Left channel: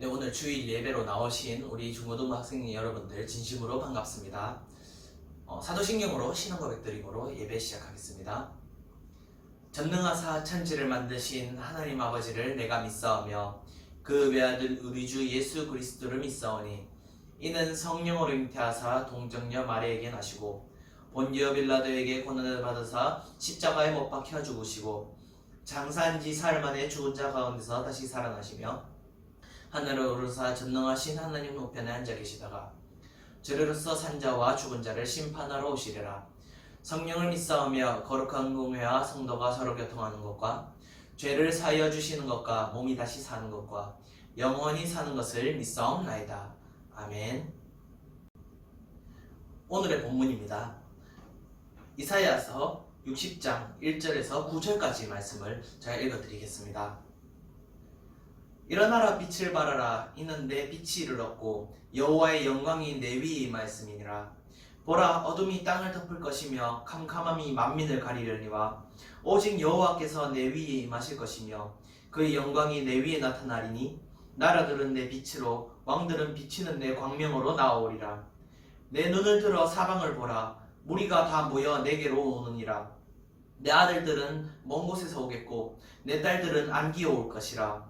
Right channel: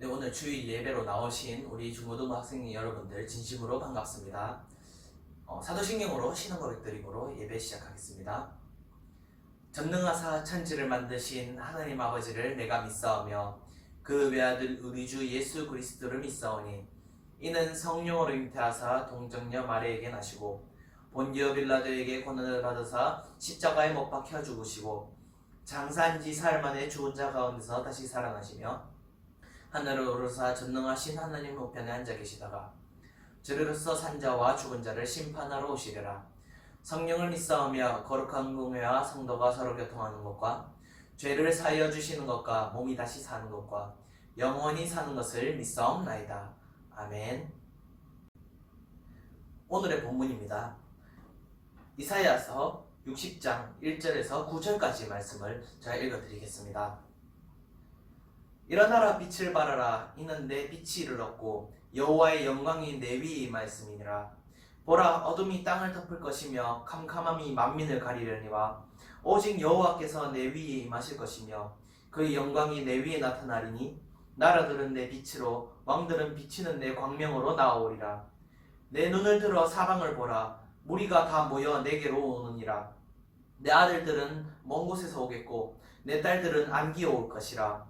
네, 오늘 주일 예배로 나오신 우리 중고등부 학생 여러분들 진심으로 반갑습니다. 사도신경으로 신앙 고백 드림으로 예배 시작하겠습니다. 전능하사 천지를 만드신 하나님 아버지를 내가 믿사오며 그 외아들 우리 주 예수 그리스도를 믿사오니 이는 성령으로 잉태하사 동정녀 마리아에게 나시고 본디오 빌라도에게 고난을 받으사 십자가에 못 박혀 죽으시고 장사한 지 사흘 만에 죽은 자 가운데서 다시 살아나시며 하늘을 오르사 전능하신 하나님 우편에 앉아 계시다가 저리로서 산자와 죽은 자를 심판하러 오시리라. 성령을 믿사오며 거룩한 공회와 성도가 서로 교통하는 것과 죄를 사하여 주시는 것과 몸이 다시 사는 것과 영원히 사는 것을 믿사옵나이다. 아멘. 오늘의 본문입니다. 이사야서 60장 1절에서 9절까지 말씀을 제가 읽어드리겠습니다. 일어나라 빛을 발하라. 이는 내 빛이 이르렀고 여호와의 영광이 내 위에 임하였음이니라. 보라, 어둠이 땅을 덮을 것이며 캄캄함이 만민을 가리려니와 오직 여호와께서 내 위에 임하실 것이며 그의 영광이 내 위에 나타나리니 나라들은 내 빛으로 왕들은 비치는 내 광명으로 나아오리라. 내 눈을 들어 사방을 보라. 무리가 다 모여 내게로 오느니라. 내 아들들은 먼 곳에서 오겠고 내 딸들은 안기어 올 것이라.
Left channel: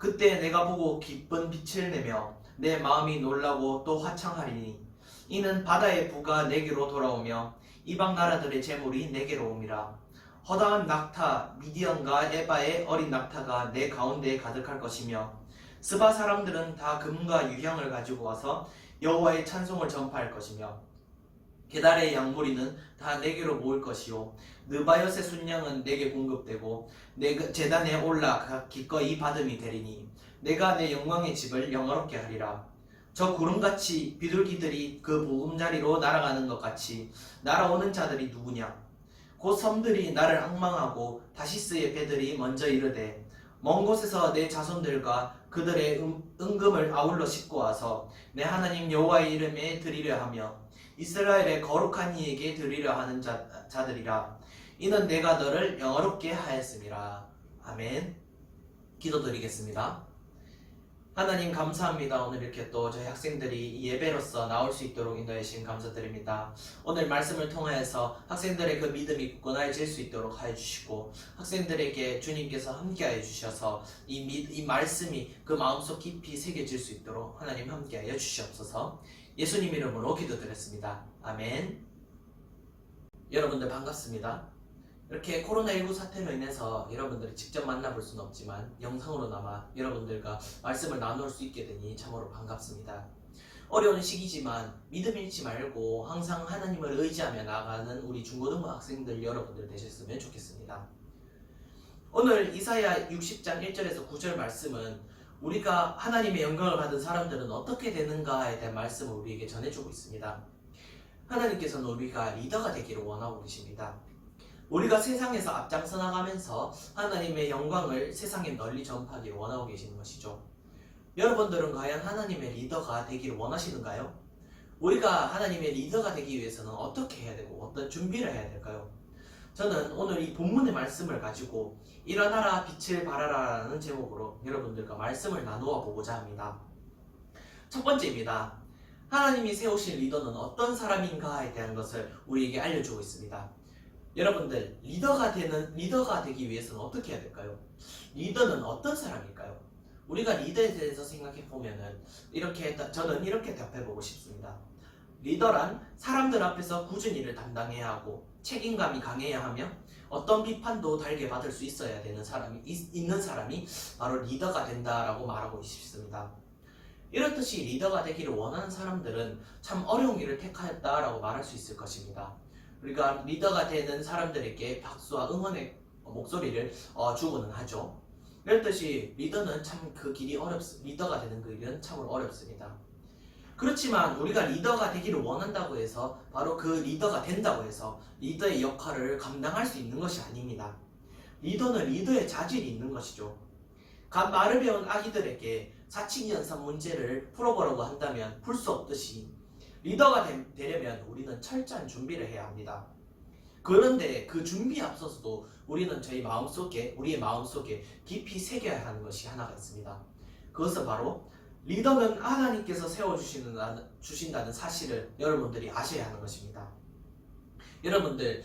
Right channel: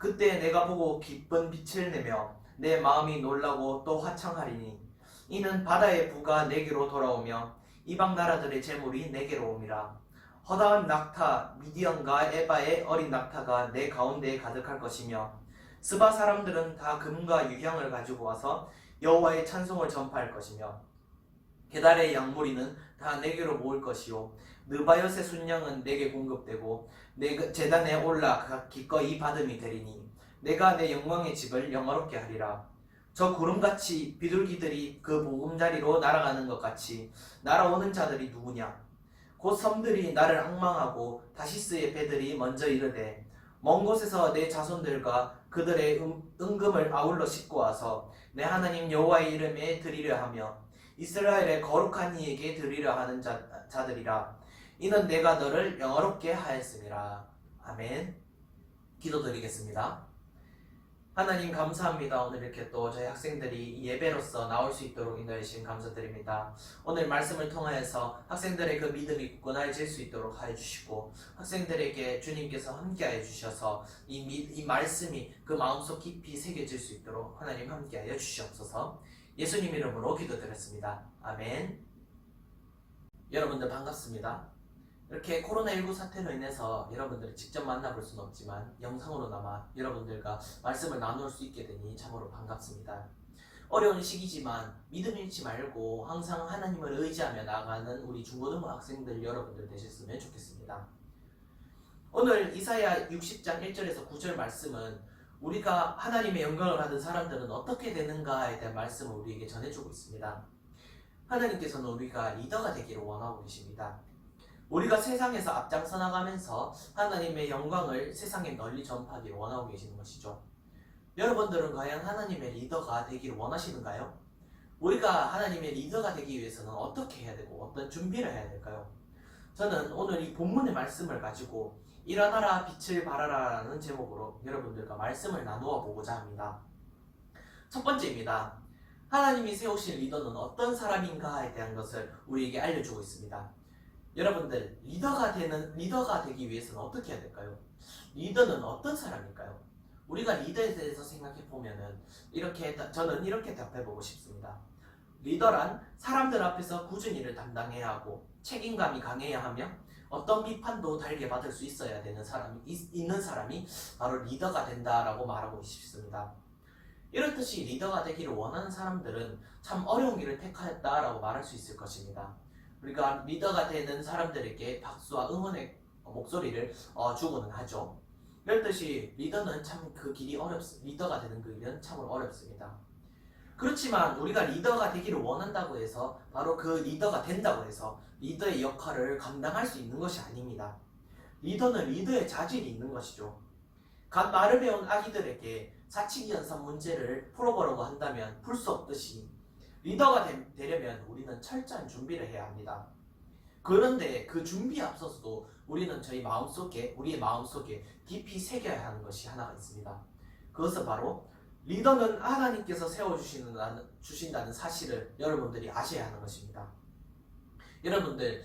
그때 내가 보고 기쁜 빛을 내며 내 마음이 놀라고 또 화창하리니 이는 바다의 부가 내게로 돌아오며 이방 나라들의 재물이 내게로 옴이라. 허다한 낙타 미디안과 에바의 어린 낙타가 내 가운데에 가득할 것이며 스바 사람들은 다 금과 유향을 가지고 와서 여호와의 찬송을 전파할 것이며 게달의 양무리는 다 내게로 모일 것이요 느바요의 순양은 내게 공급되고 내 제단에 올라 기꺼이 받음이 되리니 내가 내 영광의 집을 영화롭게 하리라. 저 구름같이 비둘기들이 그 보금자리로 날아가는 것 같이 날아오는 자들이 누구냐? 곧 섬들이 나를 앙망하고 다시스의 배들이 먼저 이르되 먼 곳에서 내 자손들과 그들의 은금을 아울러 싣고 와서 내 하나님 여호와의 이름에 드리려 하며 이스라엘의 거룩한 이에게 드리려 하는 자들이라. 이는 내가 너를 영화롭게 하였음이라. 아멘. 기도드리겠습니다. 하나님 감사합니다. 오늘 이렇게 또 저희 학생들이 예배로서 나올 수 있도록 인도해 주신 감사드립니다. 오늘 말씀을 통하여서 학생들의 그 믿음이 굳건해질 수 있도록 하여 주시고 학생들에게 주님께서 함께하여 주셔서 이 말씀이 그 마음속 깊이 새겨질 수 있도록 하나님 함께하여 주시옵소서. 예수님 이름으로 기도드렸습니다. 아멘. 여러분들 반갑습니다. 이렇게 코로나19 사태로 인해서 여러분들이 직접 만나볼 수는 없지만 영상으로나마 여러분들과 말씀을 나눌 수 있게 되니 참으로 반갑습니다. 어려운 시기지만 믿음 잃지 말고 항상 하나님을 의지하며 나아가는 우리 중고등부 학생들 여러분들 되셨으면 좋겠습니다. 오늘 이사야 60장 1절에서 9절 말씀은 우리가 하나님의 영광을 받은 사람들은 어떻게 되는가에 대한 말씀을 우리에게 전해주고 있습니다. 하나님께서는 우리가 리더가 되기를 원하고 계십니다. 우리가 세상에서 앞장서 나가면서 하나님의 영광을 세상에 널리 전파하기를 원하고 계시는 것이죠. 여러분들은 과연 하나님의 리더가 되기를 원하시는가요? 우리가 하나님의 리더가 되기 위해서는 어떻게 해야 되고 어떤 준비를 해야 될까요? 저는 오늘 이 본문의 말씀을 가지고 일어나라 빛을 발하라 라는 제목으로 여러분들과 말씀을 나누어 보고자 합니다. 첫 번째입니다. 하나님이 세우신 리더는 어떤 사람인가에 대한 것을 우리에게 알려주고 있습니다. 여러분들 리더가 되기 위해서는 어떻게 해야 될까요? 리더는 어떤 사람일까요? 우리가 리더에 대해서 생각해 보면은 저는 이렇게 답해 보고 싶습니다. 리더란 사람들 앞에서 꾸준히 일을 담당해야 하고 책임감이 강해야 하며 어떤 비판도 달게 받을 수 있어야 되는 있는 사람이 바로 리더가 된다라고 말하고 싶습니다. 이렇듯이 리더가 되기를 원하는 사람들은 참 어려운 길을 택하였다라고 말할 수 있을 것입니다. 우리가 리더가 되는 사람들에게 박수와 응원의 목소리를 주고는 하죠. 이렇듯이 리더는 참 그 길이 리더가 되는 그 길은 참으로 어렵습니다. 그렇지만 우리가 리더가 되기를 원한다고 해서 바로 그 리더가 된다고 해서 리더의 역할을 감당할 수 있는 것이 아닙니다. 리더는 리더의 자질이 있는 것이죠. 갓 말을 배운 아기들에게 사칙연산 문제를 풀어보려고 한다면 풀 수 없듯이 리더가 되려면 우리는 철저한 준비를 해야 합니다. 그런데 그 준비에 앞서서도 우리는 우리의 마음속에 깊이 새겨야 하는 것이 하나가 있습니다. 그것은 바로 리더는 하나님께서 세워주신다는 사실을 여러분들이 아셔야 하는 것입니다. 여러분들,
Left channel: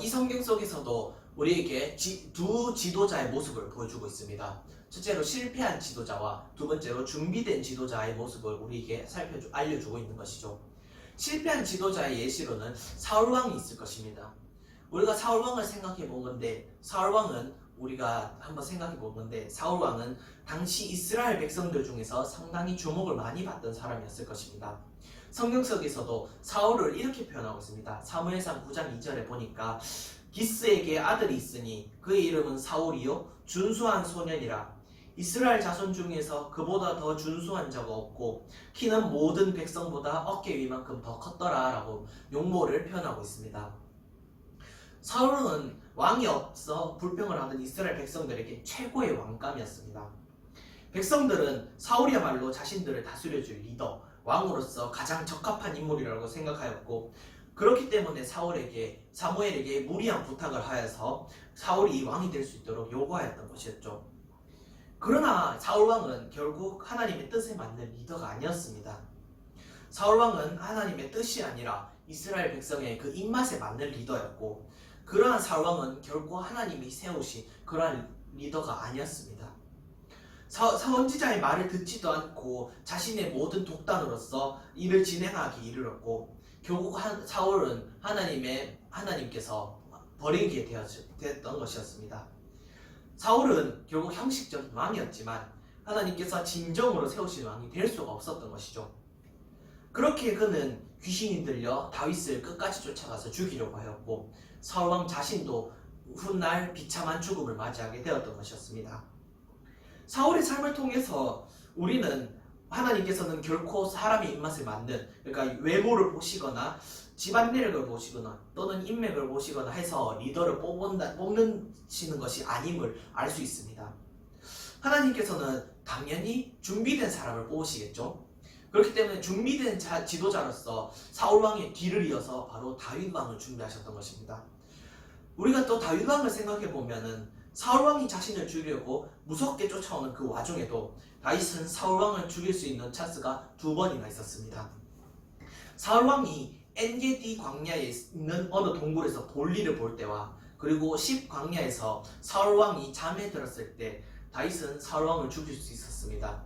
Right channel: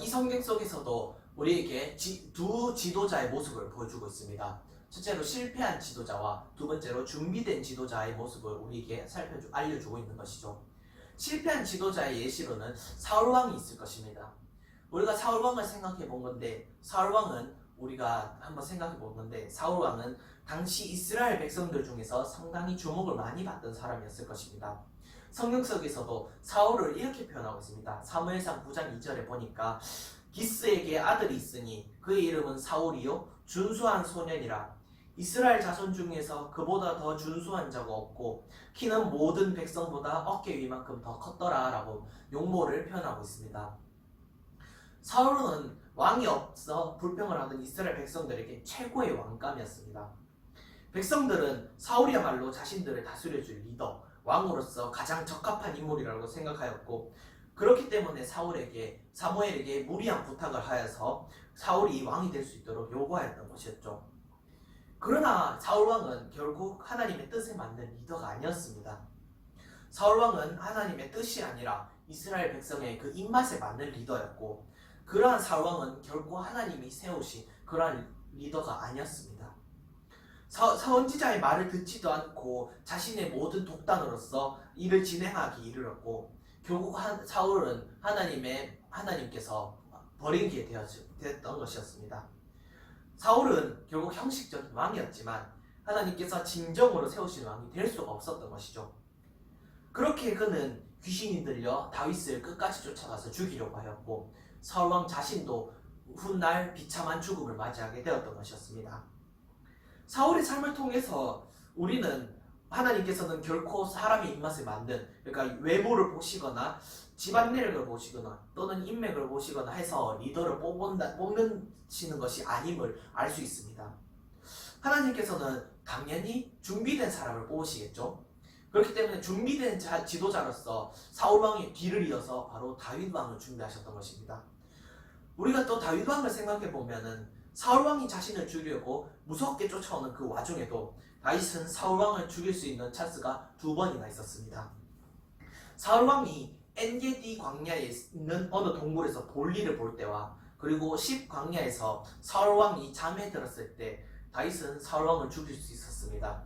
이 성경 속에서도 우리에게 두 지도자의 모습을 보여주고 있습니다. 첫째로 실패한 지도자와 두 번째로 준비된 지도자의 모습을 우리에게 알려주고 있는 것이죠. 실패한 지도자의 예시로는 사울왕이 있을 것입니다. 우리가 사울왕을 생각해 본 건데, 우리가 한번 생각해 본 건데, 사울왕은 당시 이스라엘 백성들 중에서 상당히 주목을 많이 받던 사람이었을 것입니다. 성경 속에서도 사울을 이렇게 표현하고 있습니다. 사무엘상 9장 2절에 보니까 기스에게 아들이 있으니 그의 이름은 사울이요 준수한 소년이라. 이스라엘 자손 중에서 그보다 더 준수한 자가 없고 키는 모든 백성보다 어깨 위만큼 더 컸더라 라고 용모를 표현하고 있습니다. 사울은 왕이 없어 불평을 하던 이스라엘 백성들에게 최고의 왕감이었습니다. 백성들은 사울이야말로 자신들을 다스려줄 리더, 왕으로서 가장 적합한 인물이라고 생각하였고, 그렇기 때문에 사무엘에게 무리한 부탁을 하여서 사울이 왕이 될 수 있도록 요구하였던 것이었죠. 그러나 사울왕은 결국 하나님의 뜻에 맞는 리더가 아니었습니다. 사울왕은 하나님의 뜻이 아니라 이스라엘 백성의 그 입맛에 맞는 리더였고, 그러한 사울왕은 결코 하나님이 세우신 그러한 리더가 아니었습니다. 선지자의 말을 듣지도 않고 자신의 모든 독단으로서 일을 진행하기 이르렀고, 결국 사울은 하나님께서 버리게 되었던 것이었습니다. 사울은 결국 형식적인 왕이었지만 하나님께서 진정으로 세우신 왕이 될 수가 없었던 것이죠. 그렇게 그는 귀신이 들려 다윗을 끝까지 쫓아가서 죽이려고 하였고, 사울왕 자신도 훗날 비참한 죽음을 맞이하게 되었던 것이었습니다. 사울의 삶을 통해서 우리는 하나님께서는 결코 사람의 입맛에 맞는, 그러니까 외모를 보시거나 집안 내력을 보시거나 또는 인맥을 보시거나 해서 리더를 뽑는 것이 아님을 알 수 있습니다. 하나님께서는 당연히 준비된 사람을 뽑으시겠죠. 그렇기 때문에 준비된 지도자로서 사울왕의 뒤를 이어서 바로 다윗왕을 준비하셨던 것입니다. 우리가 또 다윗왕을 생각해 보면은 사울왕이 자신을 죽이려고 무섭게 쫓아오는 그 와중에도 다윗은 사울왕을 죽일 수 있는 찬스가 2번이나 있었습니다. 사울왕이 엔게디 광야에 있는 어느 동굴에서 볼일을 볼 때와 그리고 10광야에서 사울왕이 잠에 들었을 때 다윗은 사울왕을 죽일 수 있었습니다.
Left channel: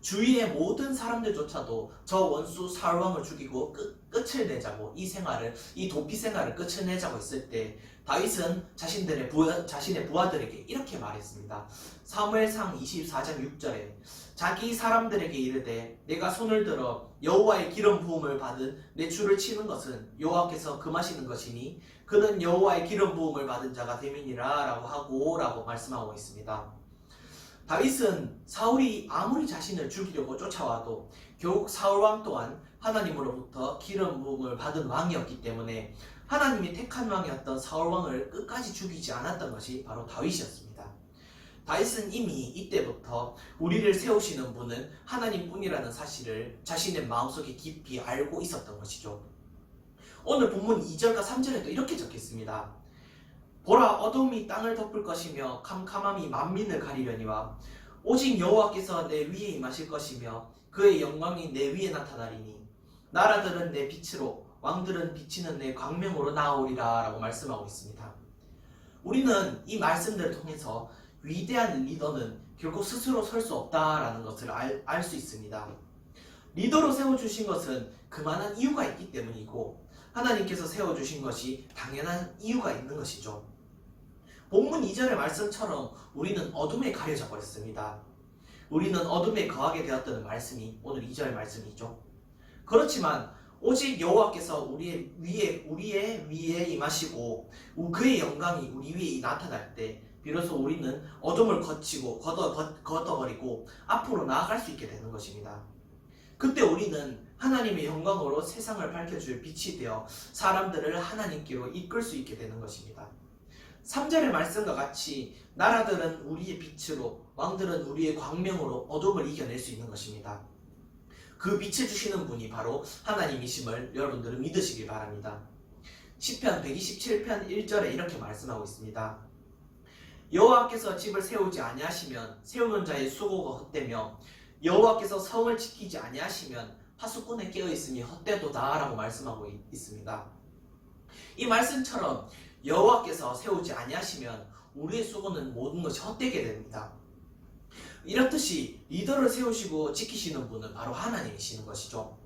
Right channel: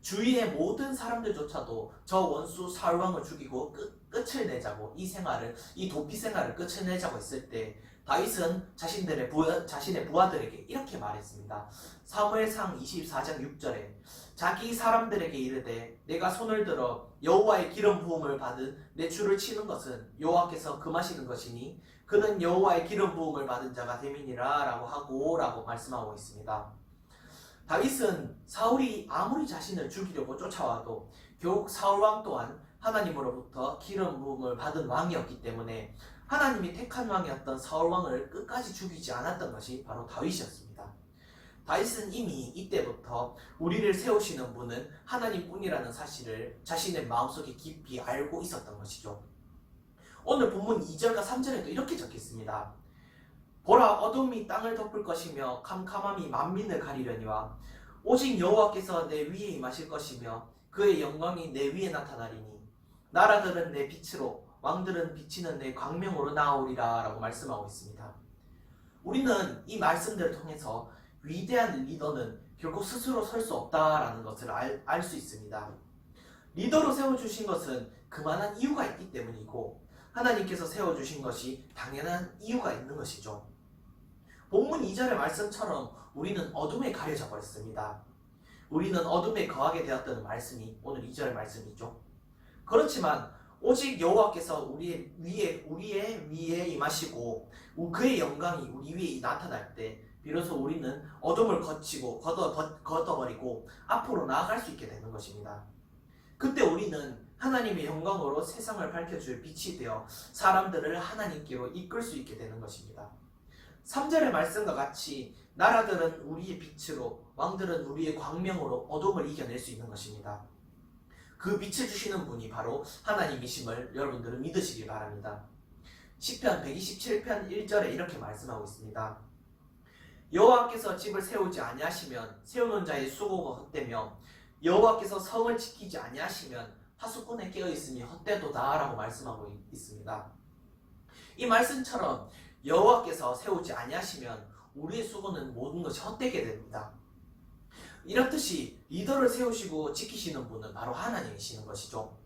주위의 모든 사람들조차도 저 원수 사울왕을 죽이고 끝을 내자고 이 도피 생활을 끝을 내자고 했을 때 다윗은 자신의 부하들에게 이렇게 말했습니다. 사무엘상 24장 6절에 자기 사람들에게 이르되 내가 손을 들어 여호와의 기름 부음을 받은 내 줄을 치는 것은 여호와께서 금하시는 것이니 그는 여호와의 기름 부음을 받은 자가 됨이니라 라고 말씀하고 있습니다. 다윗은 사울이 아무리 자신을 죽이려고 쫓아와도 결국 사울왕 또한 하나님으로부터 기름 부음을 받은 왕이었기 때문에 하나님이 택한 왕이었던 사울왕을 끝까지 죽이지 않았던 것이 바로 다윗이었습니다. 다윗은 이미 이때부터 우리를 세우시는 분은 하나님뿐이라는 사실을 자신의 마음속에 깊이 알고 있었던 것이죠. 오늘 본문 2절과 3절에도 이렇게 적혀있습니다. 보라, 어둠이 땅을 덮을 것이며 캄캄함이 만민을 가리려니와 오직 여호와께서 내 위에 임하실 것이며 그의 영광이 내 위에 나타나리니 나라들은 내 빛으로 왕들은 비치는 내 광명으로 나오리라 라고 말씀하고 있습니다. 우리는 이 말씀들을 통해서 위대한 리더는 결국 스스로 설 수 없다라는 것을 알 수 있습니다. 리더로 세워주신 것은 그만한 이유가 있기 때문이고 하나님께서 세워주신 것이 당연한 이유가 있는 것이죠. 본문 2절의 말씀처럼 우리는 어둠에 가려져 버렸습니다. 우리는 어둠에 거하게 되었다는 말씀이 오늘 2절의 말씀이죠. 그렇지만 오직 여호와께서 우리의 위에 임하시고 그의 영광이 우리 위에 나타날 때 비로소 우리는 어둠을 걷어버리고 앞으로 나아갈 수 있게 되는 것입니다. 그때 우리는 하나님의 영광으로 세상을 밝혀줄 빛이 되어 사람들을 하나님께로 이끌 수 있게 되는 것입니다. 3절의 말씀과 같이 나라들은 우리의 빛으로 왕들은 우리의 광명으로 어둠을 이겨낼 수 있는 것입니다. 그 빛을 주시는 분이 바로 하나님이심을 여러분들은 믿으시길 바랍니다. 시편 127편 1절에 이렇게 말씀하고 있습니다. 여호와께서 집을 세우지 아니하시면 세우는 자의 수고가 헛되며 여호와께서 성을 지키지 아니하시면 파수꾼에 깨어 있음이 헛되도다라고 말씀하고 있습니다. 이 말씀처럼 여호와께서 세우지 아니하시면 우리의 수고는 모든 것이 헛되게 됩니다. 이렇듯이 리더를 세우시고 지키시는 분은 바로 하나님이신 것이죠.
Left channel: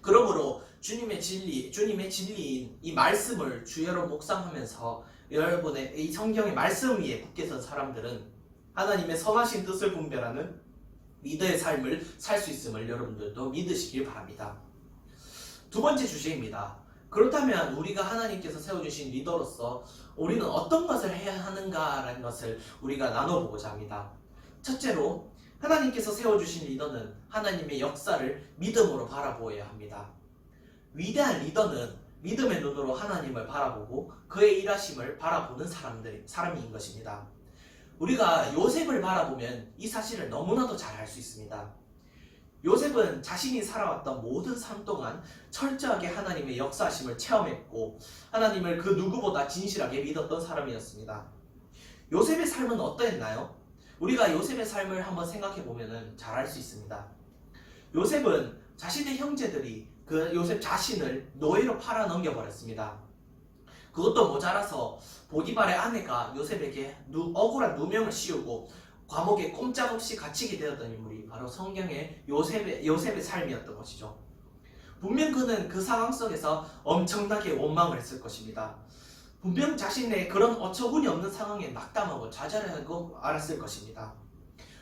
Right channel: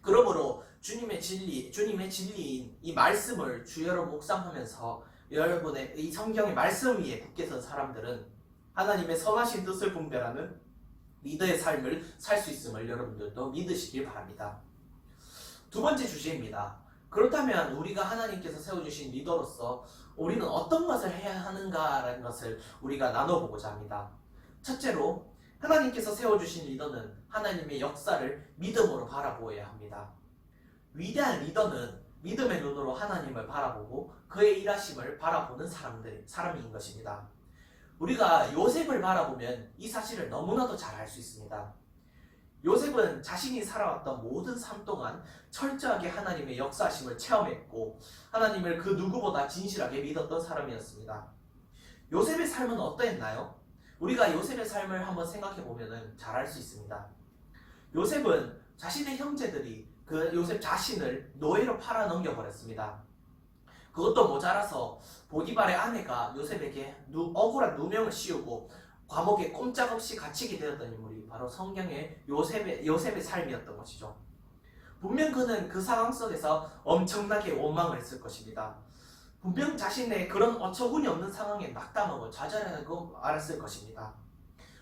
그러므로 주님의 진리인 이 말씀을 주여로 묵상하면서 여러분의 이 성경의 말씀 위에 굳게 선 사람들은 하나님의 선하신 뜻을 분별하는 리더의 삶을 살 수 있음을 여러분들도 믿으시길 바랍니다. 두 번째 주제입니다. 그렇다면 우리가 하나님께서 세워주신 리더로서 우리는 어떤 것을 해야 하는가라는 것을 우리가 나눠보고자 합니다. 첫째로 하나님께서 세워주신 리더는 하나님의 역사를 믿음으로 바라보아야 합니다. 위대한 리더는 믿음의 눈으로 하나님을 바라보고 그의 일하심을 바라보는 사람인 것입니다. 우리가 요셉을 바라보면 이 사실을 너무나도 잘 알 수 있습니다. 요셉은 자신이 살아왔던 모든 삶 동안 철저하게 하나님의 역사하심을 체험했고 하나님을 그 누구보다 진실하게 믿었던 사람이었습니다. 요셉의 삶은 어떠했나요? 우리가 요셉의 삶을 한번 생각해보면 잘 알 수 있습니다. 요셉은 자신의 형제들이 그 요셉 자신을 노예로 팔아 넘겨버렸습니다. 그것도 모자라서 보디발의 아내가 요셉에게 억울한 누명을 씌우고 감옥에 꼼짝없이 갇히게 되었던 인물이 바로 성경의 요셉의 삶이었던 것이죠. 분명 그는 그 상황 속에서 엄청나게 원망을 했을 것입니다. 분명 자신의 그런 어처구니 없는 상황에 낙담하고 좌절하고 알았을 것입니다.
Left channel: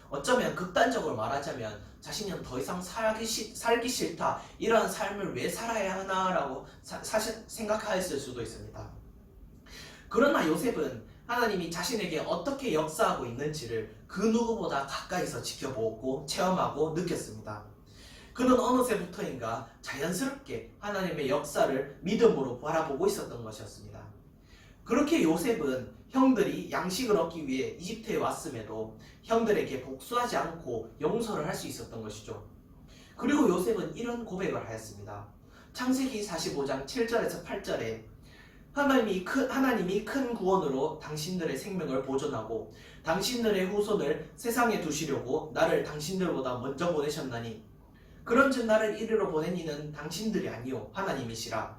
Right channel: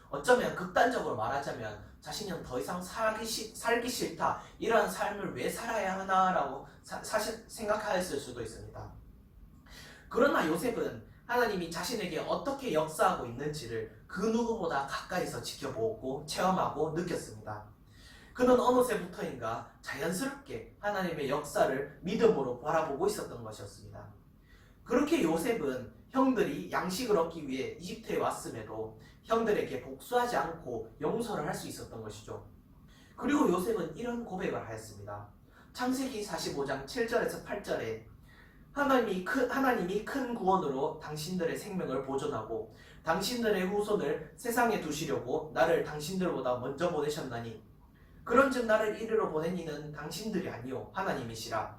어쩌면 극단적으로 말하자면 자신은 더 이상 살기 싫다, 이러한 삶을 왜 살아야 하나라고 사실 생각하였을 수도 있습니다. 그러나 요셉은 하나님이 자신에게 어떻게 역사하고 있는지를 그 누구보다 가까이서 지켜보고 체험하고 느꼈습니다. 그는 어느새부터인가 자연스럽게 하나님의 역사를 믿음으로 바라보고 있었던 것이었습니다. 그렇게 요셉은 형들이 양식을 얻기 위해 이집트에 왔음에도 형들에게 복수하지 않고 용서를 할 수 있었던 것이죠. 그리고 요셉은 이런 고백을 하였습니다. 창세기 45장 7절에서 8절에 하나님이 큰 구원으로 당신들의 생명을 보존하고 당신들의 후손을 세상에 두시려고 나를 당신들보다 먼저 보내셨나니 그런즉 나를 이리로 보낸 이는 당신들이 아니요 하나님이시라.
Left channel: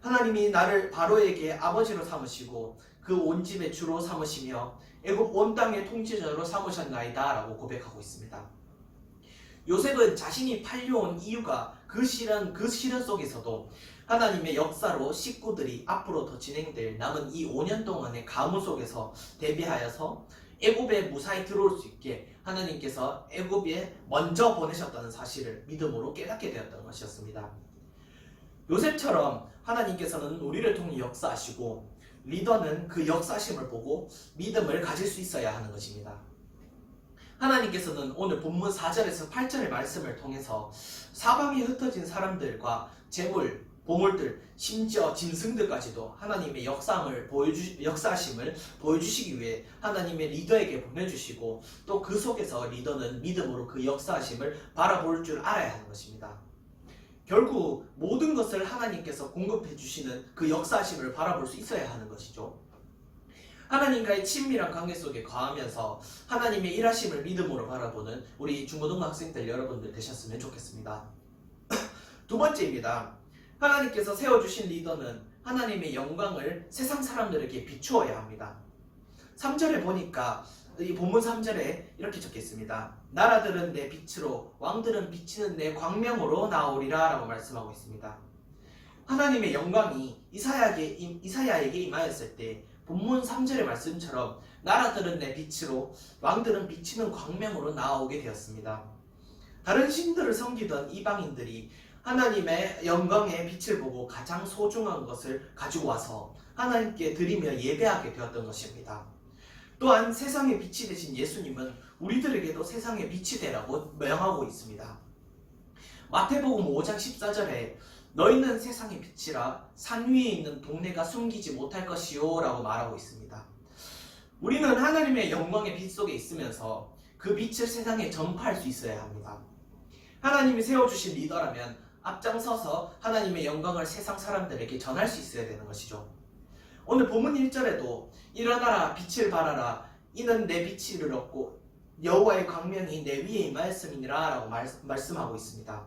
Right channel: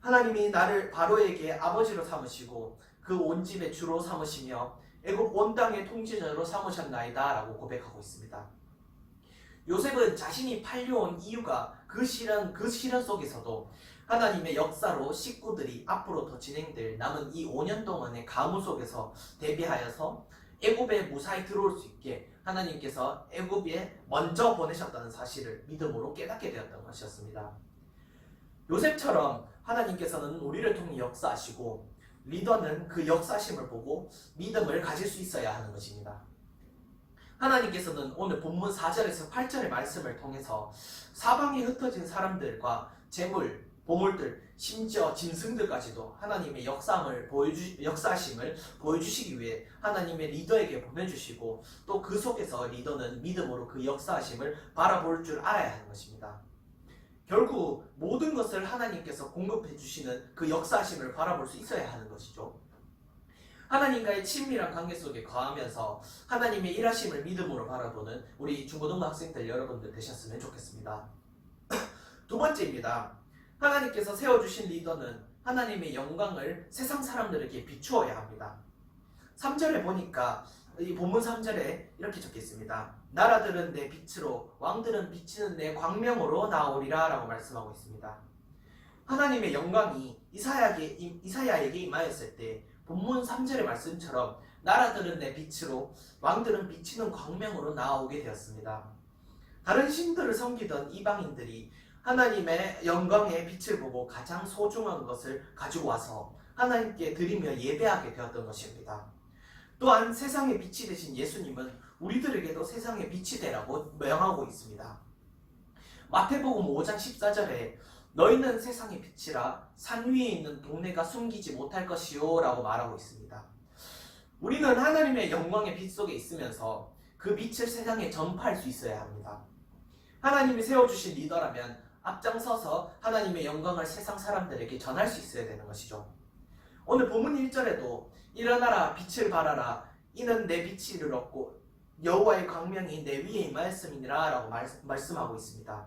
하나님이 나를 바로에게 아버지로 삼으시고 그 온 집의 주로 삼으시며 애굽 온 땅의 통치자로 삼으셨나이다 라고 고백하고 있습니다. 요셉은 자신이 팔려온 이유가 그 시련 속에서도 하나님의 역사로 식구들이 앞으로 더 진행될 남은 이 5년 동안의 가무 속에서 대비하여서 애굽에 무사히 들어올 수 있게 하나님께서 애굽에 먼저 보내셨다는 사실을 믿음으로 깨닫게 되었던 것이었습니다. 요셉처럼 하나님께서는 우리를 통해 역사하시고 리더는 그 역사하심을 보고 믿음을 가질 수 있어야 하는 것입니다. 하나님께서는 오늘 본문 4절에서 8절의 말씀을 통해서 사방에 흩어진 사람들과 재물, 보물들, 심지어 짐승들까지도 하나님의 역사하심을 보여주시기 위해 하나님의 리더에게 보내주시고 또 그 속에서 리더는 믿음으로 그 역사하심을 바라볼 줄 알아야 하는 것입니다. 결국 모든 것을 하나님께서 공급해 주시는 그 역사하심을 바라볼 수 있어야 하는 것이죠. 하나님과의 친밀한 관계 속에 거하면서 하나님의 일하심을 믿음으로 바라보는 우리 중고등부 학생들 여러분들 되셨으면 좋겠습니다. 두 번째입니다. 하나님께서 세워주신 리더는 하나님의 영광을 세상 사람들에게 비추어야 합니다. 3절에 보니까 이 본문 3절에 이렇게 적혀 있습니다. 나라들은 내 빛으로 왕들은 비치는 내 광명으로 나오리라 라고 말씀하고 있습니다. 하나님의 영광이 이사야에게 임하였을 때 본문 3절의 말씀처럼 나라들은 내 빛으로 왕들은 비치는 광명으로 나오게 되었습니다. 다른 신들을 섬기던 이방인들이 하나님의 영광의 빛을 보고 가장 소중한 것을 가지고 와서 하나님께 드리며 예배하게 되었던 것입니다. 또한 세상의 빛이 되신 예수님은 우리들에게도 세상의 빛이 되라고 명하고 있습니다. 마태복음 5장 14절에 너희는 세상의 빛이라 산 위에 있는 동네가 숨기지 못할 것이요 라고 말하고 있습니다. 우리는 하나님의 영광의 빛 속에 있으면서 그 빛을 세상에 전파할 수 있어야 합니다. 하나님이 세워주신 리더라면 앞장서서 하나님의 영광을 세상 사람들에게 전할 수 있어야 되는 것이죠. 오늘 본문 1절에도 일어나라 빛을 발하라 이는 내 빛이 이르렀고 여호와의 광명이 내 위에 임하였음이니라 라고 말씀하고 있습니다.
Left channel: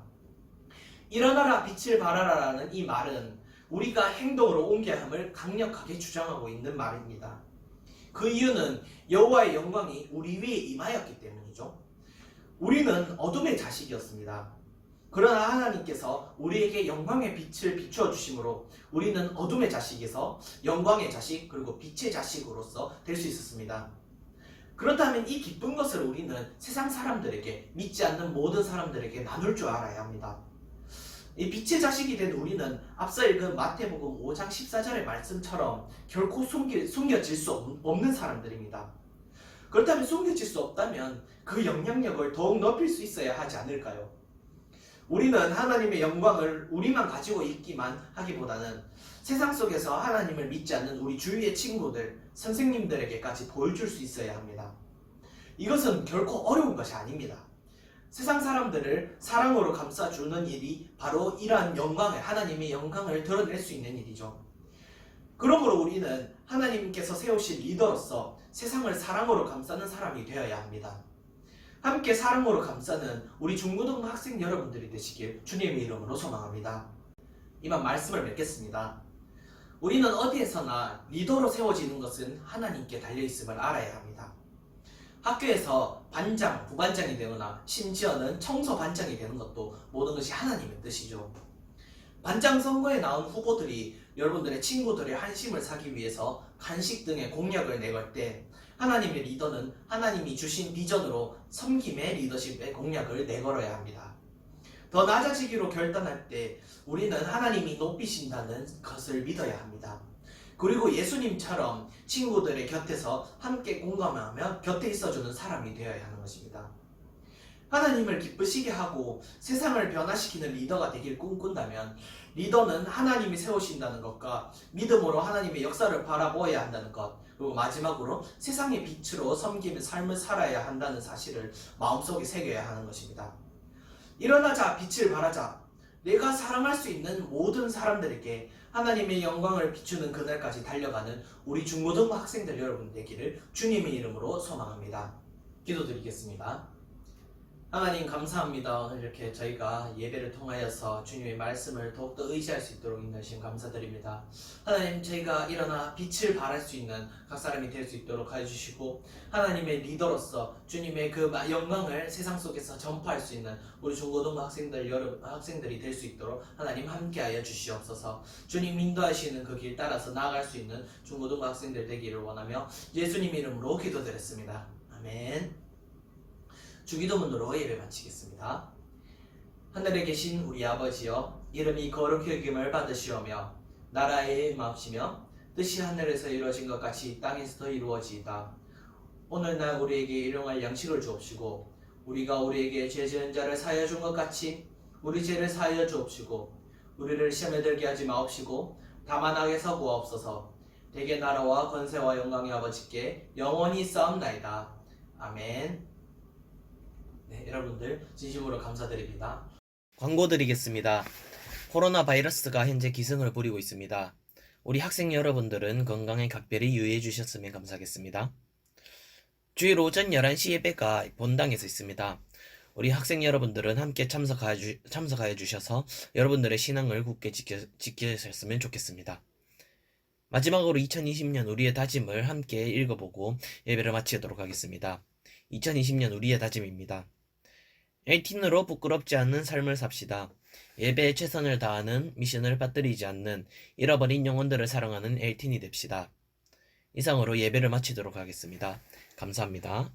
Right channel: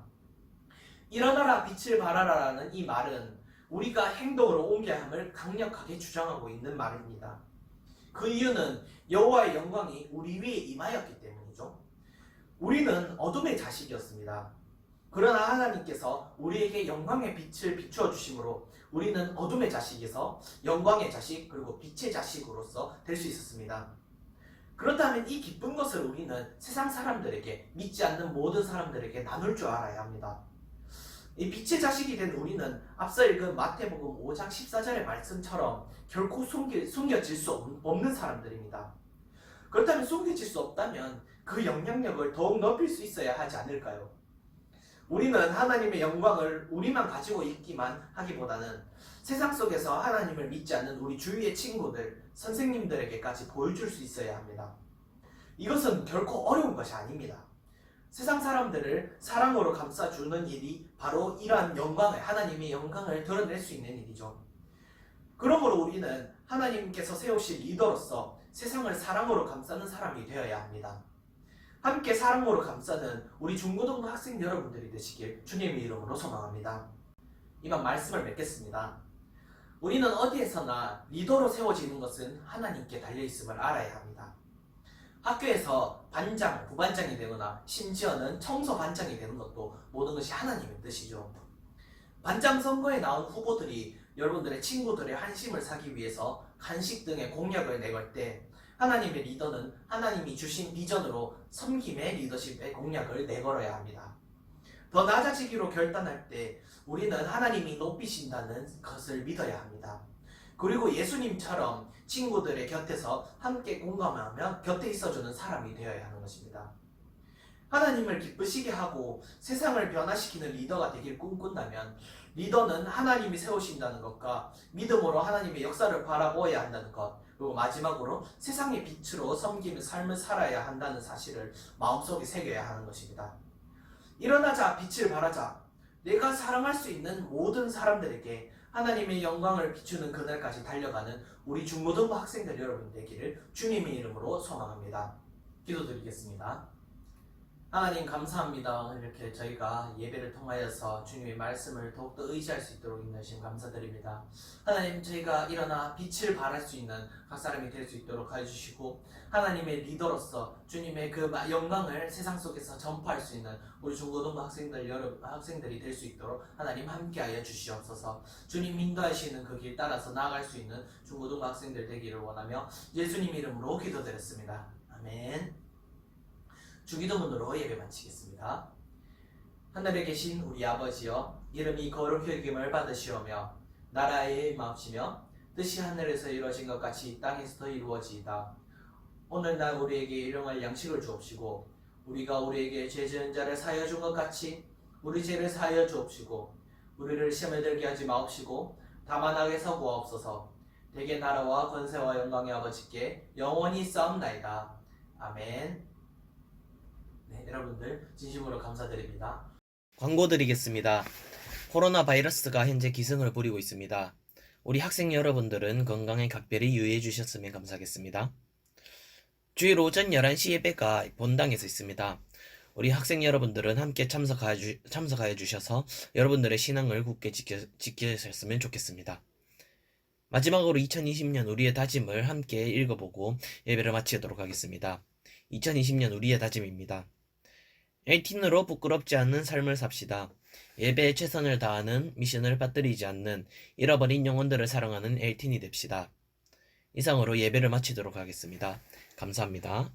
일어나라 빛을 발하라라는 이 말은 우리가 행동으로 옮겨야 함을 강력하게 주장하고 있는 말입니다. 그 이유는 여호와의 영광이 우리 위에 임하였기 때문이죠. 우리는 어둠의 자식이었습니다. 그러나 하나님께서 우리에게 영광의 빛을 비추어 주심으로 우리는 어둠의 자식에서 영광의 자식 그리고 빛의 자식으로서 될 수 있었습니다. 그렇다면 이 기쁜 것을 우리는 세상 사람들에게, 믿지 않는 모든 사람들에게 나눌 줄 알아야 합니다. 이 빛의 자식이 된 우리는 앞서 읽은 마태복음 5장 14절의 말씀처럼 결코 숨겨질 수 없는 사람들입니다. 그렇다면 숨겨질 수 없다면 그 영향력을 더욱 높일 수 있어야 하지 않을까요? 우리는 하나님의 영광을 우리만 가지고 있기만 하기보다는 세상 속에서 하나님을 믿지 않는 우리 주위의 친구들, 선생님들에게까지 보여줄 수 있어야 합니다. 이것은 결코 어려운 것이 아닙니다. 세상 사람들을 사랑으로 감싸주는 일이 바로 이러한 하나님의 영광을 드러낼 수 있는 일이죠. 그러므로 우리는 하나님께서 세우신 리더로서 세상을 사랑으로 감싸는 사람이 되어야 합니다. 함께 사랑으로 감싸는 우리 중고등부 학생 여러분들이 되시길 주님의 이름으로 소망합니다. 이만 말씀을 맺겠습니다. 우리는 어디에서나 리더로 세워지는 것은 하나님께 달려있음을 알아야 합니다. 학교에서 반장, 부반장이 되거나 심지어는 청소반장이 되는 것도 모든 것이 하나님의 뜻이죠. 반장 선거에 나온 후보들이 여러분들의 친구들의 한심을 사기 위해서 간식 등의 공약을 내걸 때 하나님의 리더는 하나님이 주신 비전으로 섬김의 리더십의 공약을 내걸어야 합니다. 더 낮아지기로 결단할 때 우리는 하나님이 높이신다는 것을 믿어야 합니다. 그리고 예수님처럼 친구들의 곁에서 함께 공감하며 곁에 있어주는 사람이 되어야 하는 것입니다. 하나님을 기쁘시게 하고 세상을 변화시키는 리더가 되길 꿈꾼다면 리더는 하나님이 세우신다는 것과 믿음으로 하나님의 역사를 바라보아야 한다는 것, 그리고 마지막으로 세상의 빛으로 섬기는 삶을 살아야 한다는 사실을 마음속에 새겨야 하는 것입니다. 일어나자, 빛을 발하자. 내가 사랑할 수 있는 모든 사람들에게 하나님의 영광을 비추는 그날까지 달려가는 우리 중고등부 학생들 여러분 되기를 주님의 이름으로 소망합니다. 기도드리겠습니다. 하나님 감사합니다. 오늘 이렇게 저희가 예배를 통하여서 주님의 말씀을 더욱더 의지할 수 있도록 인도하신 감사드립니다. 하나님, 저희가 일어나 빛을 발할 수 있는 각 사람이 될 수 있도록 해주시고 하나님의 리더로서 주님의 그 영광을 세상 속에서 전파할 수 있는 우리 중고등부 학생들이 될 수 있도록 하나님 함께하여 주시옵소서. 주님 인도하시는 그 길 따라서 나아갈 수 있는 중고등부 학생들 되기를 원하며 예수님 이름으로 기도드렸습니다. 아멘. 주기도문으로 예배 마치겠습니다. 하늘에 계신 우리 아버지여, 이름이 거룩히 여김을 받으시오며 나라의 임하옵시며 뜻이 하늘에서 이루어진 것 같이 땅에서도 이루어지이다. 오늘날 우리에게 일용할 양식을 주옵시고 우리가 우리에게 죄 지은 자를 사하여 준 것 같이 우리 죄를 사하여 주옵시고 우리를 시험에 들게 하지 마옵시고 다만 악에서 구하옵소서. 대개 나라와 권세와 영광의 아버지께 영원히 싸움나이다. 아멘. 네, 여러분들 진심으로 감사드립니다. 광고 드리겠습니다. 코로나 바이러스가 현재 기승을 부리고 있습니다. 우리 학생 여러분들은 건강에 각별히 유의해 주셨으면 감사하겠습니다. 주일 오전 11시 예배가 본당에서 있습니다. 우리 학생 여러분들은 함께 참석하여 주셔서 여러분들의 신앙을 굳게 지키셨으면 좋겠습니다. 마지막으로 2020년 우리의 다짐을 함께 읽어보고 예배를 마치도록 하겠습니다. 2020년 우리의 다짐입니다. LTE으로 부끄럽지 않는 삶을 삽시다. 예배에 최선을 다하는, 미션을 빠뜨리지 않는, 잃어버린 영혼들을 사랑하는 LTE이 됩시다. 이상으로 예배를 마치도록 하겠습니다. 감사합니다.